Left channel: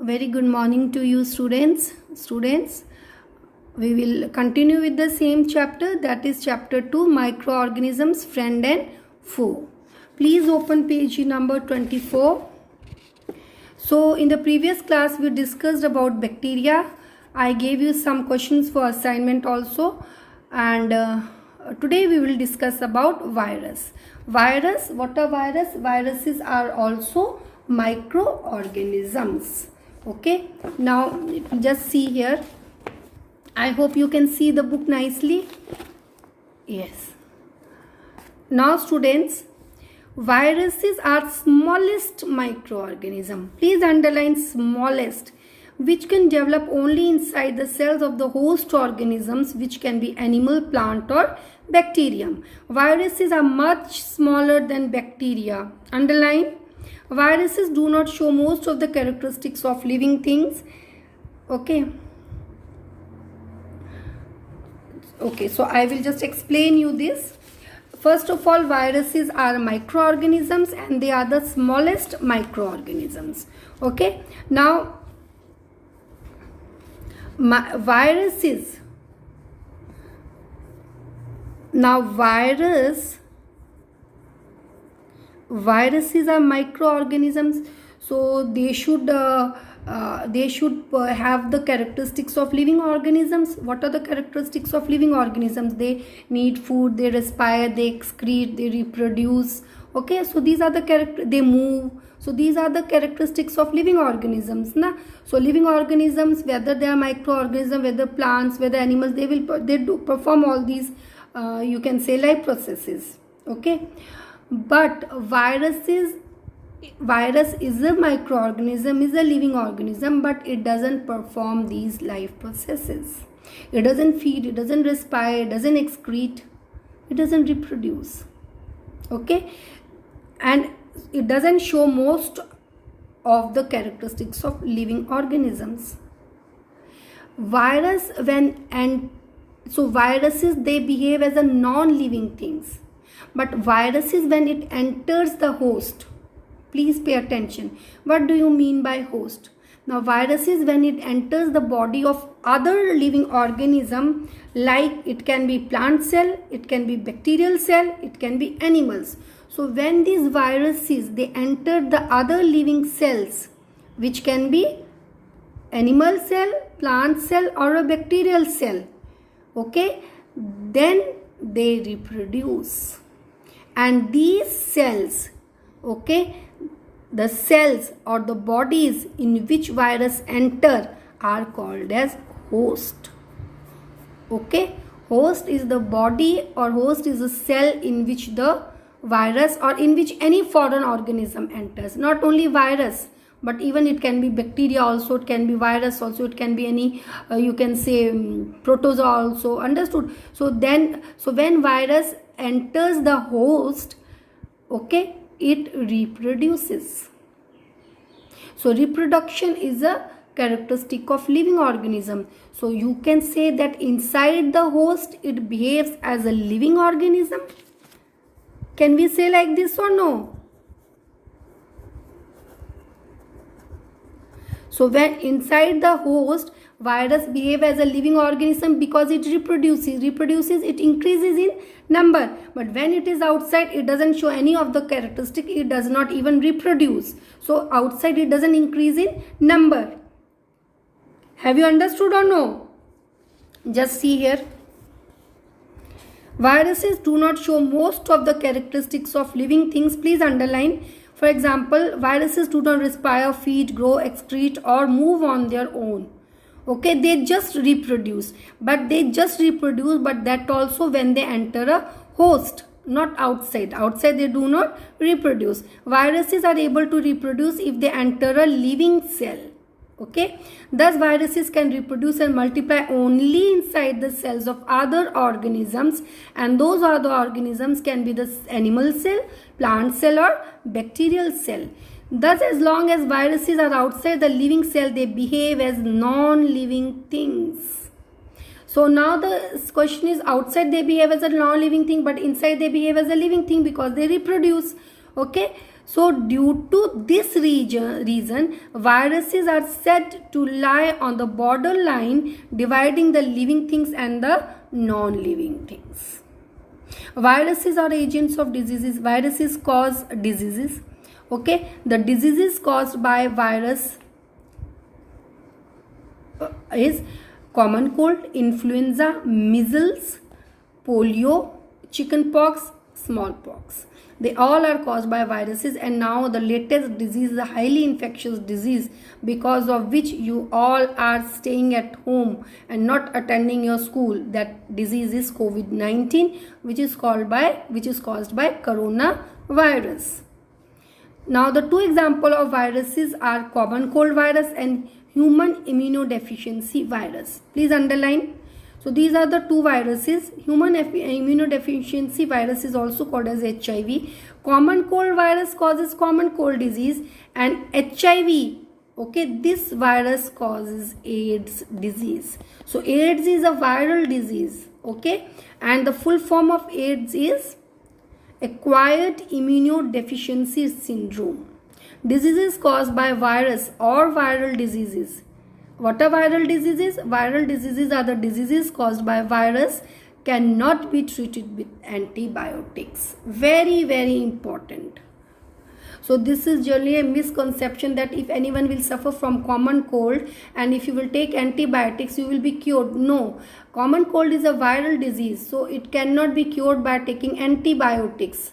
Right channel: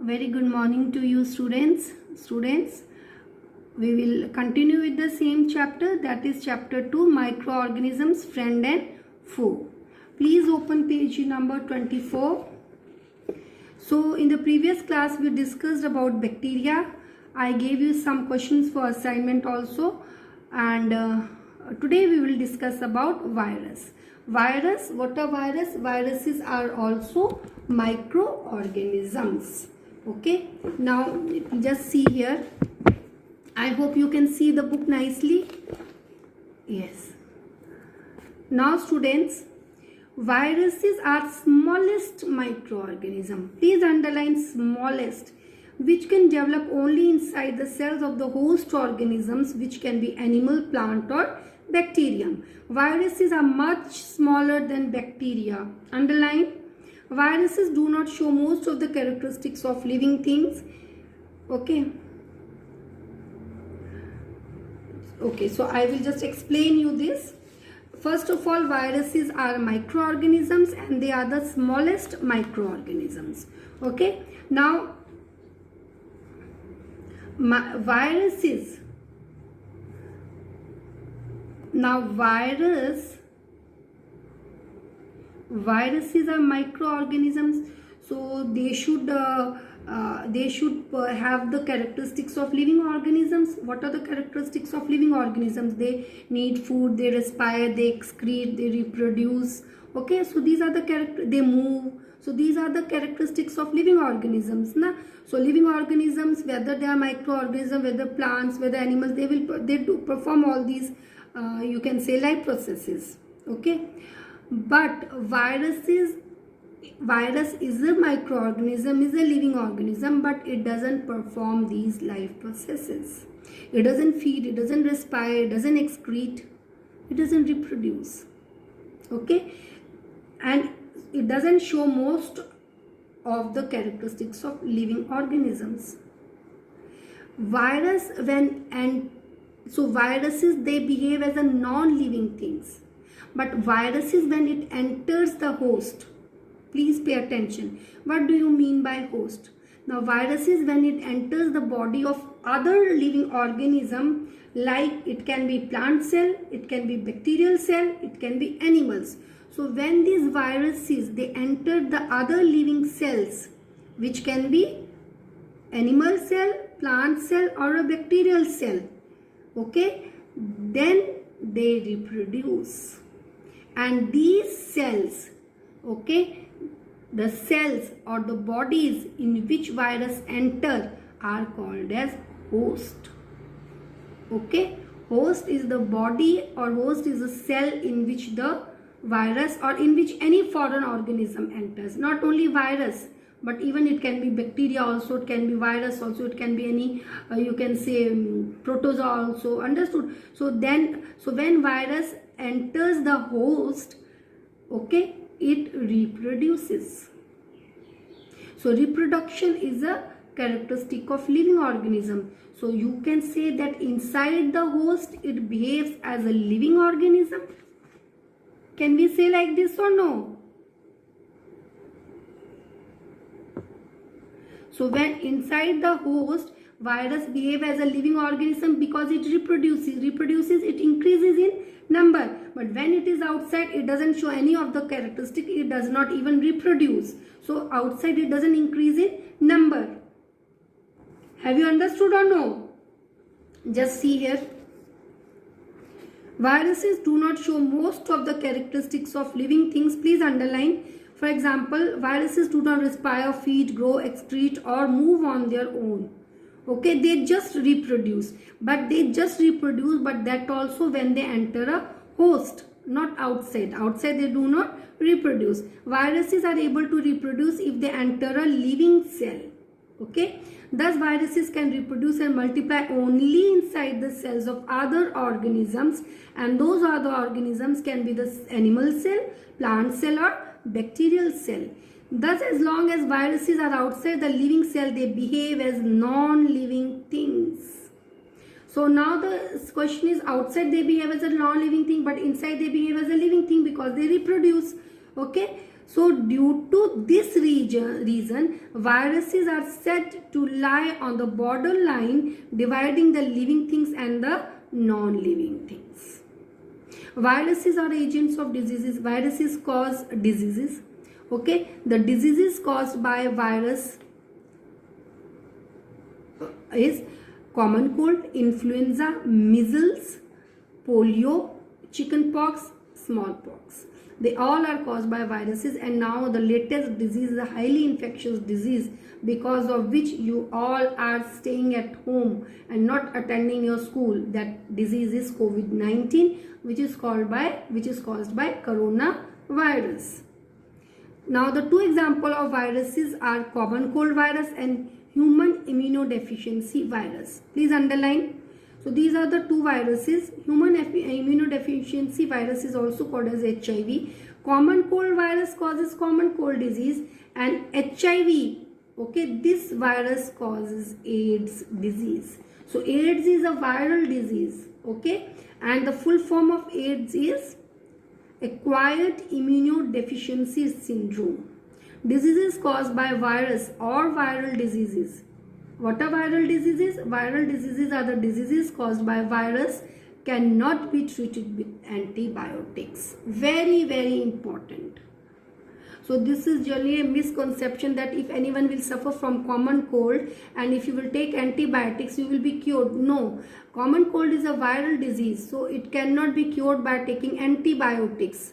Very good morning to you students. We will continue with the same chapter, that is chapter 2, microorganisms, friend and foe. Please open page number 24. So in the previous class we discussed about bacteria. I gave you some questions for assignment also, and today we will discuss about virus. What are virus? Viruses are also microorganisms. Okay, now just see here. I hope you can see the book nicely. Yes. Now students, viruses are smallest microorganism. Please underline smallest, which can develop only inside the cells of the host organisms, which can be animal, plant or bacterium. Viruses are much smaller than bacteria. Underline. Viruses do not show most of the characteristics of living things. Okay, so I will just explain you this. First of all, viruses are microorganisms and they are the smallest microorganisms. Okay, now viruses are microorganisms, so they should have the characteristics of living organisms. What are the characteristics of living organisms? They need food, they respire, they excrete, they reproduce. Okay, so these are the they move. So these are the characteristics of living organisms. So living organisms, whether they are microorganisms, whether plants, whether animals, they do perform all these you can say life processes. Okay, but virus is a microorganism, is a living organism, but it doesn't perform these life processes. It doesn't feed, it doesn't respire, it doesn't excrete, it doesn't reproduce. Okay, and it doesn't show most of the characteristics of living organisms. Viruses, they behave as a non-living things. But viruses, when it enters the host, please pay attention. What do you mean by host? Now viruses, when it enters the body of other living organism, like it can be plant cell, it can be bacterial cell, it can be animals. So when these viruses, they enter the other living cells, which can be animal cell, plant cell or a bacterial cell, okay, then they reproduce. And these cells, okay, the cells or the bodies in which virus enter are called as host. Okay, host is the body or host is a cell in which the virus or in which any foreign organism enters. Not only virus, but even it can be bacteria also, it can be virus also, it can be any you can say protozoa also. Understood? So when virus enters the host, okay, it reproduces. So reproduction is a characteristic of living organism. So you can say that inside the host it behaves as a living organism. Can we say like this or no? So when inside the host, virus behave as a living organism because it reproduces, it increases in number. But when it is outside, it doesn't show any of the characteristic, it does not even reproduce. So outside it doesn't increase in number. Have you understood or no? Just see here. Viruses do not show most of the characteristics of living things. Please underline. For example, viruses do not respire, feed, grow, excrete or move on their own. Okay, they just reproduce. But that also when they enter a host, not outside. Outside they do not reproduce. Viruses are able to reproduce if they enter a living cell. Okay, thus viruses can reproduce and multiply only inside the cells of other organisms, and those other organisms can be the animal cell, plant cell or bacterial cell. Thus, as long as viruses are outside the living cell, they behave as non-living things. So now the question is, outside they behave as a non-living thing, but inside they behave as a living thing because they reproduce. Okay, So due to this reason, viruses are said to lie on the borderline dividing the living things and the non-living things. Viruses are agents of diseases. Viruses cause diseases. Okay, the diseases caused by virus is common cold, influenza, measles, polio, chickenpox, smallpox. They all are caused by viruses, and now the latest disease is a highly infectious disease because of which you all are staying at home and not attending your school. That disease is COVID-19, which is caused by coronavirus. Now the two examples of viruses are common cold virus and human immunodeficiency virus. Please underline. So these are the two viruses. Human immunodeficiency virus is also called as HIV. Common cold virus causes common cold disease, and HIV, okay, this virus causes AIDS disease. So AIDS is a viral disease, okay, and the full form of AIDS is acquired immunodeficiency syndrome. Diseases caused by virus or viral diseases. What are viral diseases? Viral diseases are the diseases caused by virus, cannot be treated with antibiotics. Very, very important. So this is generally a misconception that if anyone will suffer from common cold and if you will take antibiotics, you will be cured. No, common cold is a viral disease, so it cannot be cured by taking antibiotics.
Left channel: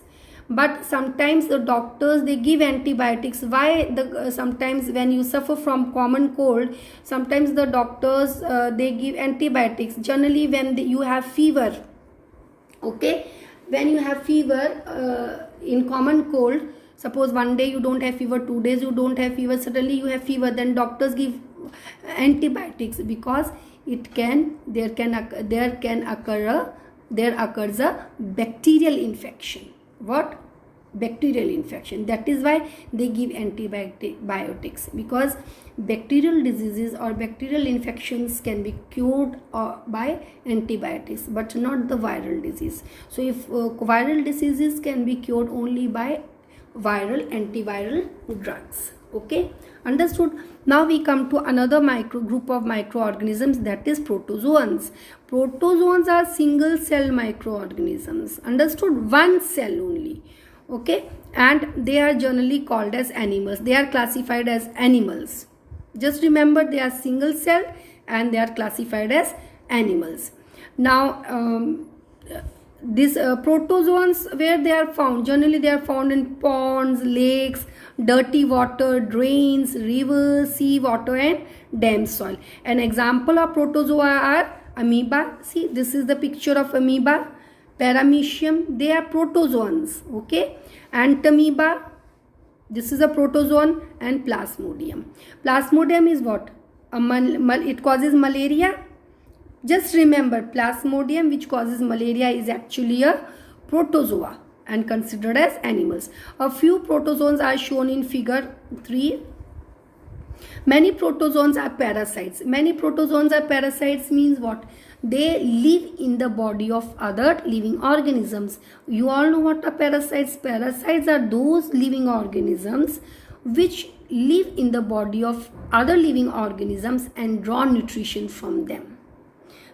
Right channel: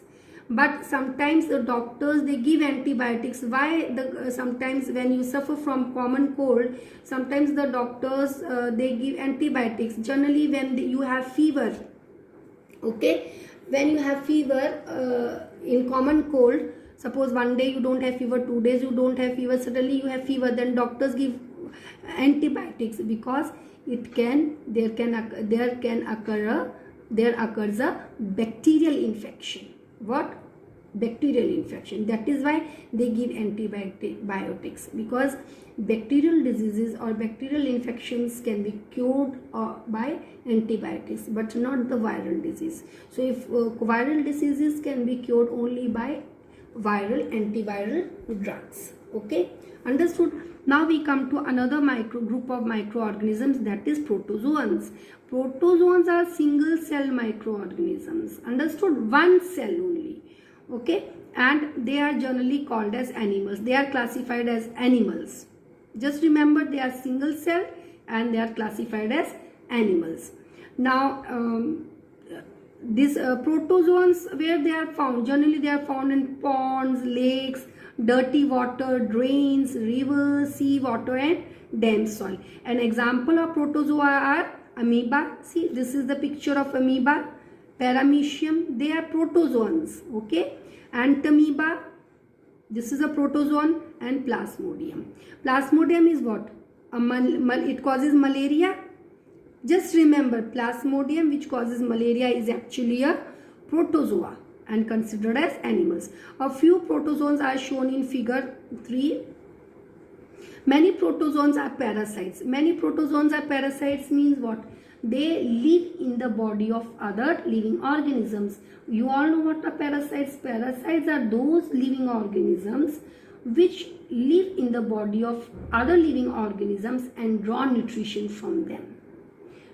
But sometimes the doctors, they give antibiotics. Why? Sometimes when you suffer from common cold, sometimes the doctors they give antibiotics. Generally when you have fever, okay, when you have fever in common cold, suppose one day you don't have fever, 2 days you don't have fever, suddenly you have fever, then doctors give antibiotics because there occurs a bacterial infection. What? Bacterial infection. That is why they give antibiotics, because bacterial diseases or bacterial infections can be cured by antibiotics, but not the viral disease. So if viral diseases can be cured only by antiviral drugs. Okay, understood? Now we come to another group of microorganisms, that is protozoans. Protozoans are single cell microorganisms. Understood? One cell only. Okay, and they are generally called as animals. They are classified as animals. Just remember, they are single cell and they are classified as animals. Now these protozoans, where they are found? Generally they are found in ponds, lakes, dirty water, drains, rivers, sea water and damp soil. An example of protozoa are amoeba. See, this is the picture of amoeba. Paramecium, they are protozoans. Okay, Antamoeba, this is a protozoan, and Plasmodium. Plasmodium is what? It causes malaria. Just remember, Plasmodium, which causes malaria, is actually a protozoa and considered as animals. A few protozoans are shown in figure 3. Many protozoans are parasites. Many protozoans are parasites means what? They live in the body of other living organisms. You all know what are parasites. Parasites are those living organisms which live in the body of other living organisms and draw nutrition from them,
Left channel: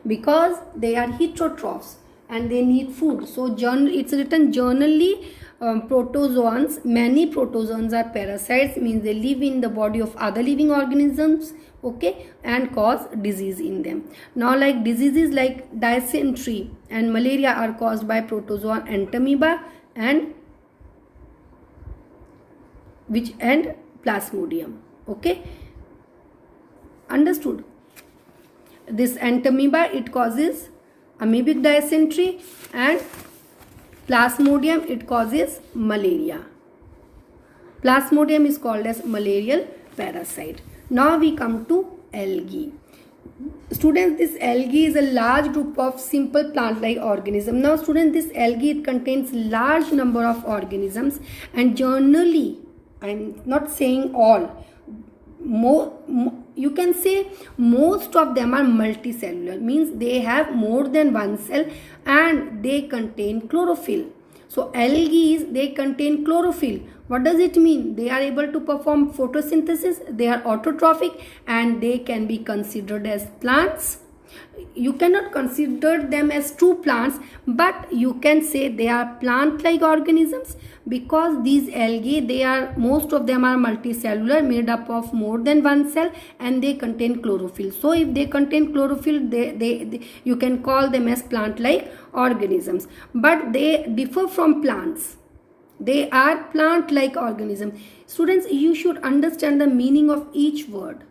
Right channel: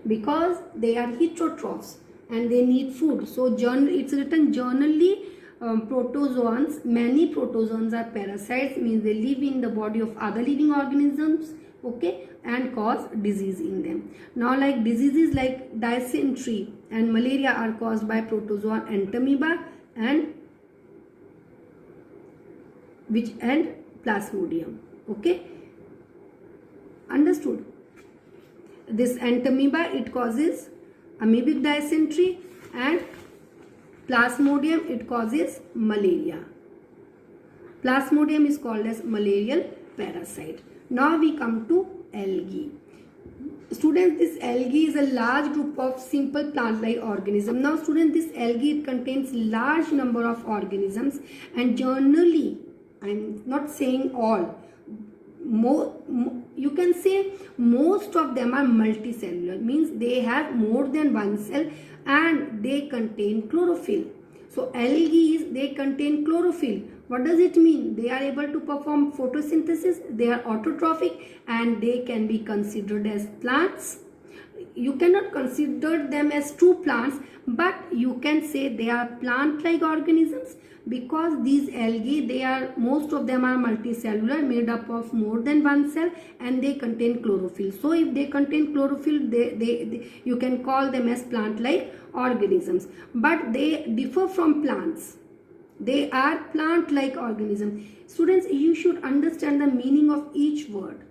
because they are heterotrophs and they need food. So it's written generally protozoans, many protozoans are parasites, means they live in the body of other living organisms, okay, and cause disease in them. Now like diseases like dysentery and malaria are caused by protozoa Antamoeba and Plasmodium. Okay, understood? This Antamoeba, it causes amoebic dysentery, and Plasmodium, it causes malaria. Plasmodium is called as malarial parasite. Now we come to algae. Students, this algae is a large group of simple plant-like organisms. Now students, this algae, it contains large number of organisms, and generally, I am not saying all, you can say most of them are multicellular, means they have more than one cell and they contain chlorophyll. So algae, they contain chlorophyll. What does it mean? They are able to perform photosynthesis, they are autotrophic, and they can be considered as plants. You cannot consider them as true plants, but you can say they are plant-like organisms, because these algae, most of them are multicellular, made up of more than one cell, and they contain chlorophyll. So if they contain chlorophyll, you can call them as plant-like organisms. But they differ from plants. They are plant-like organisms. Students, you should understand the meaning of each word.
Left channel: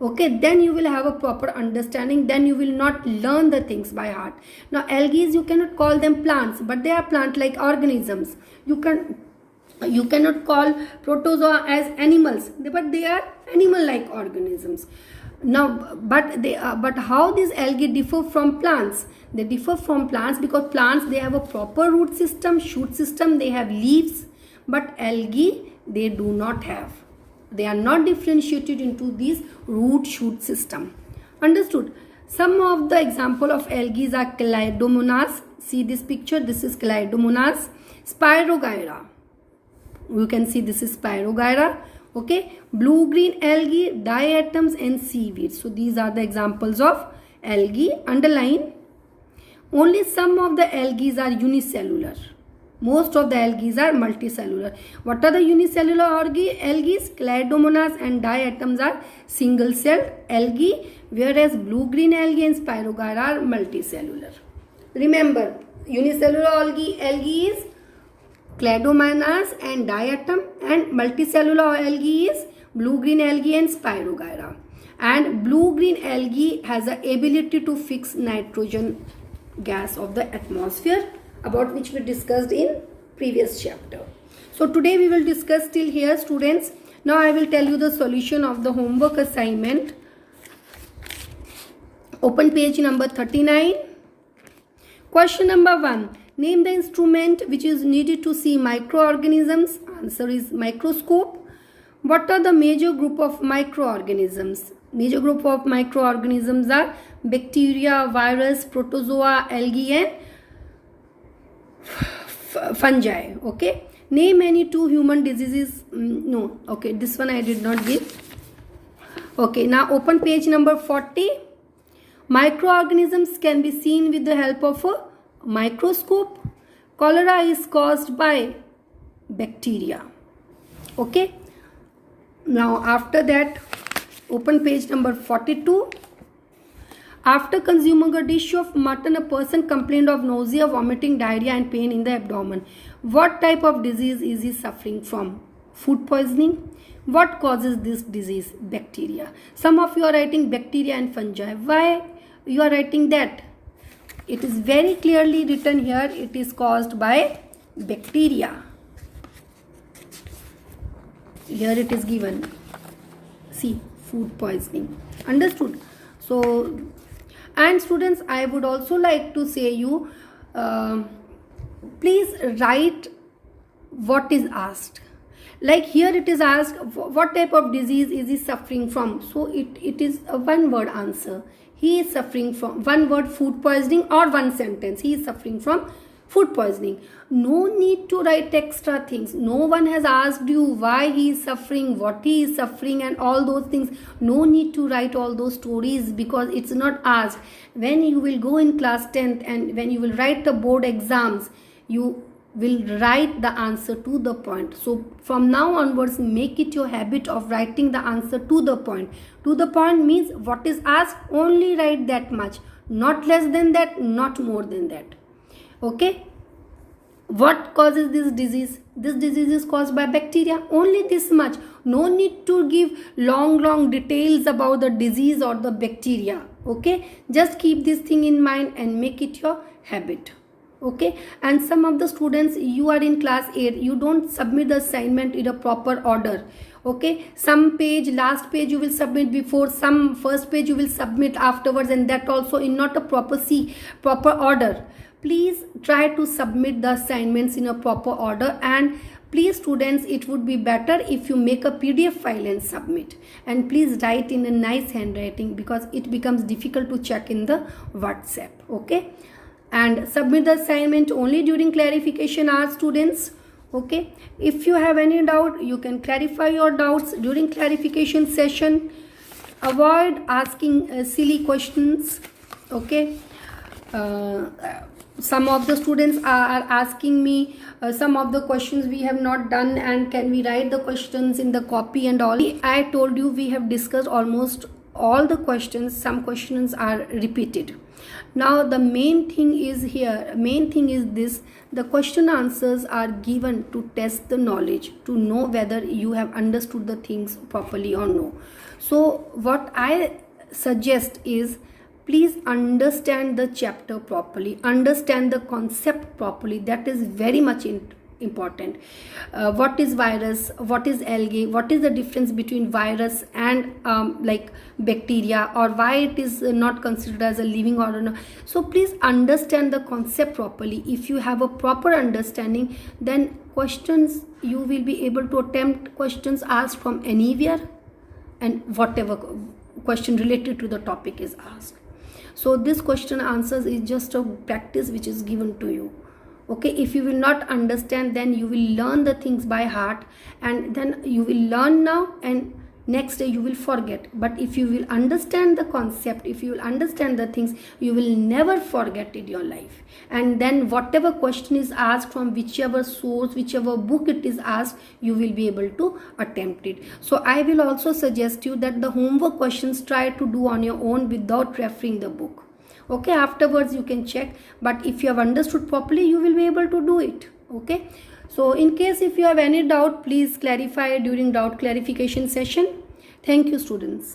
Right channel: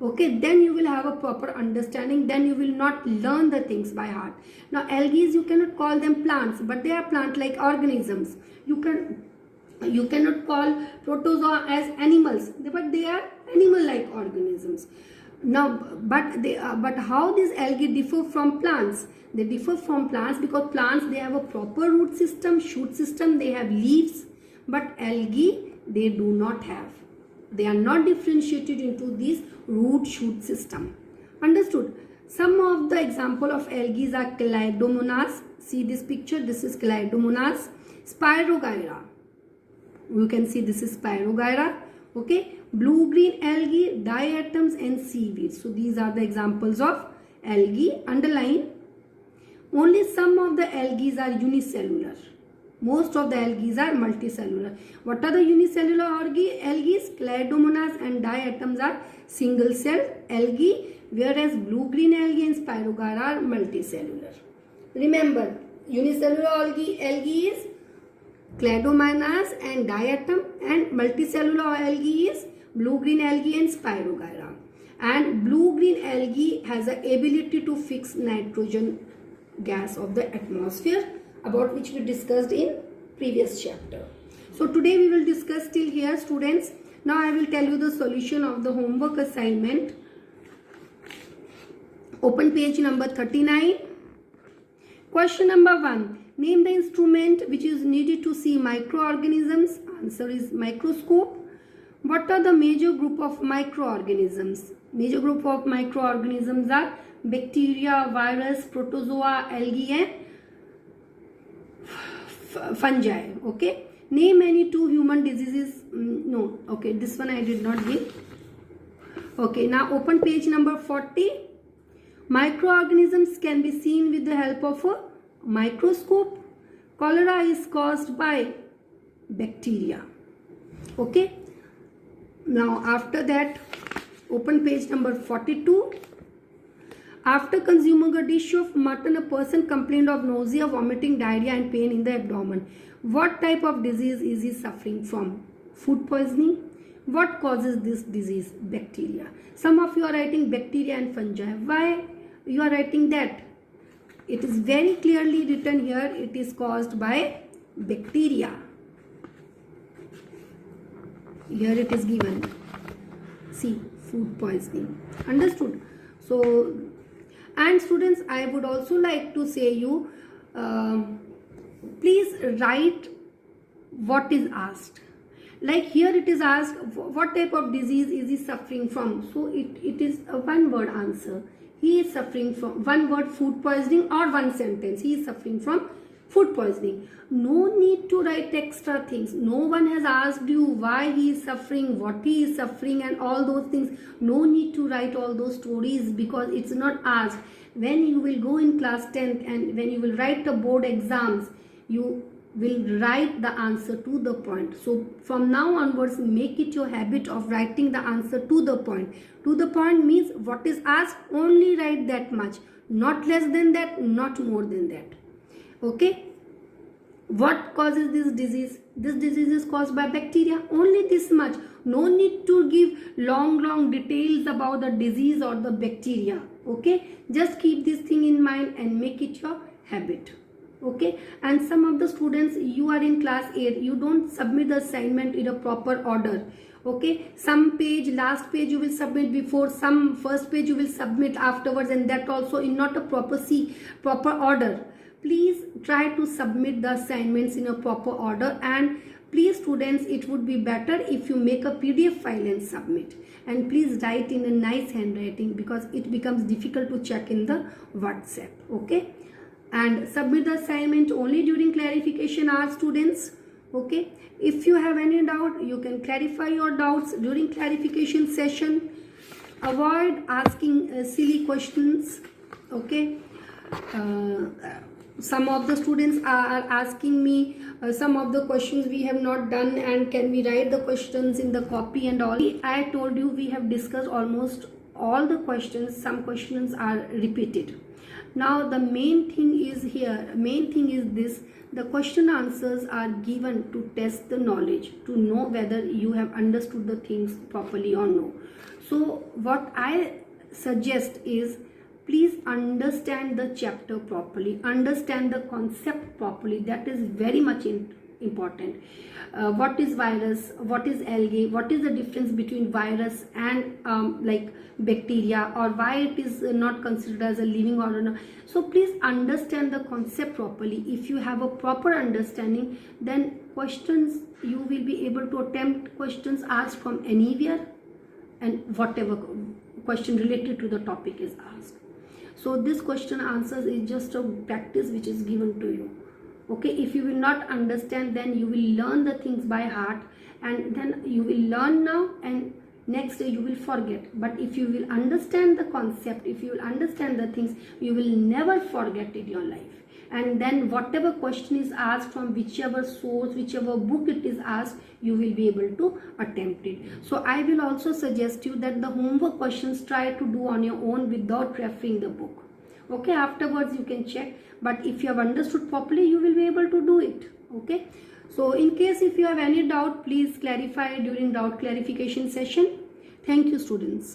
Okay, then you will have a proper understanding, then you will not learn the things by heart. Now algae, you cannot call them plants, but they are plant-like organisms. You cannot call protozoa as animals, but they are animal-like organisms. Now, but how these algae differ from plants? They differ from plants because plants, they have a proper root system, shoot system, they have leaves, but algae, they do not have. They are not differentiated into this root shoot system. Understood? Some of the example of algae are Chlamydomonas. See this picture. This is Chlamydomonas. Spirogyra. You can see this is Spirogyra. Okay. Blue-green algae, diatoms, and seaweed. So these are the examples of algae. Underline. Only some of the algae are unicellular. Most of the algae are multicellular. What are the unicellular algae? Chlamydomonas and diatoms are single-celled algae, whereas blue-green algae and spirogyra are multicellular. Remember, unicellular algae is Chlamydomonas and diatom, and multicellular algae is blue-green algae and spirogyra. And blue-green algae has the ability to fix nitrogen gas of the atmosphere, about which we discussed in previous chapter. So today we will discuss till here, students. Now I will tell you the solution of the homework assignment. Open page number 39. Question number 1. Name the instrument which is needed to see microorganisms. Answer is microscope. What are the major group of microorganisms? Major group of microorganisms are bacteria, virus, protozoa, algae, and fungi. Okay, name any two human diseases. No, okay, this one I did not give. Okay, now open page number 40. Microorganisms can be seen with the help of a microscope. Cholera is caused by bacteria. Okay, now after that, open page number 42. After consuming a dish of mutton, a person complained of nausea, vomiting, diarrhea, and pain in the abdomen. What type of disease is he suffering from? Food poisoning. What causes this disease? Bacteria. Some of you are writing bacteria and fungi. Why you are writing that? It is very clearly written here. It is caused by bacteria. Here it is given. See, food poisoning. Understood? So, and students, I would also like to say you, please write what is asked. Like here it is asked, what type of disease is he suffering from? So it is a one word answer. He is suffering from, one word, food poisoning, or one sentence. He is suffering from food poisoning. No need to write extra things. No one has asked you why he is suffering, what he is suffering, and all those things. No need to write all those stories because it's not asked. When you will go in class 10th and when you will write the board exams, you will write the answer to the point. So from now onwards, make it your habit of writing the answer to the point. To the point means what is asked, only write that much. Not less than that, not more than that. Okay. What causes this disease? This disease is caused by bacteria. Only this much. No need to give long details about the disease or the bacteria. Okay. Just keep this thing in mind and make it your habit. Okay. And some of the students, you are in class 8, you don't submit the assignment in a proper order. Okay, some page, last page you will submit before, some first page you will submit afterwards, and that also in not a proper order. Please try to submit the assignments in a proper order, and please students, it would be better if you make a PDF file and submit, and please write in a nice handwriting because it becomes difficult to check in the WhatsApp. Okay, and submit the assignment only during clarification hours, students. Okay, if you have any doubt, you can clarify your doubts during clarification session. Avoid asking silly questions. Okay, some of the students are asking me some of the questions we have not done, and can we write the questions in the copy and all. I told you we have discussed almost all the questions. Some questions are repeated. Now the main thing is this: the question answers are given to test the knowledge, to know whether you have understood the things properly or no. So what I suggest is, please understand the chapter properly, understand the concept properly. That is very much important. What is virus, what is algae, what is the difference between virus and like bacteria, or why it is not considered as a living organism. So please understand the concept properly. If you have a proper understanding, then questions, you will be able to attempt questions asked from anywhere, and whatever question related to the topic is asked. So this question answers is just a practice which is given to you. Okay, if you will not understand, then you will learn the things by heart, and then you will learn now and next day you will forget. But if you will understand the concept, if you will understand the things, you will never forget in your life. And then whatever question is asked from whichever source, whichever book it is asked, you will be able to attempt it. So I will also suggest you that the homework questions try to do on your own without referring the book. Okay, afterwards you can check, but if you have understood properly, you will be able to do it. Okay, so in case if you have any doubt, please clarify during doubt clarification session. Thank you, students.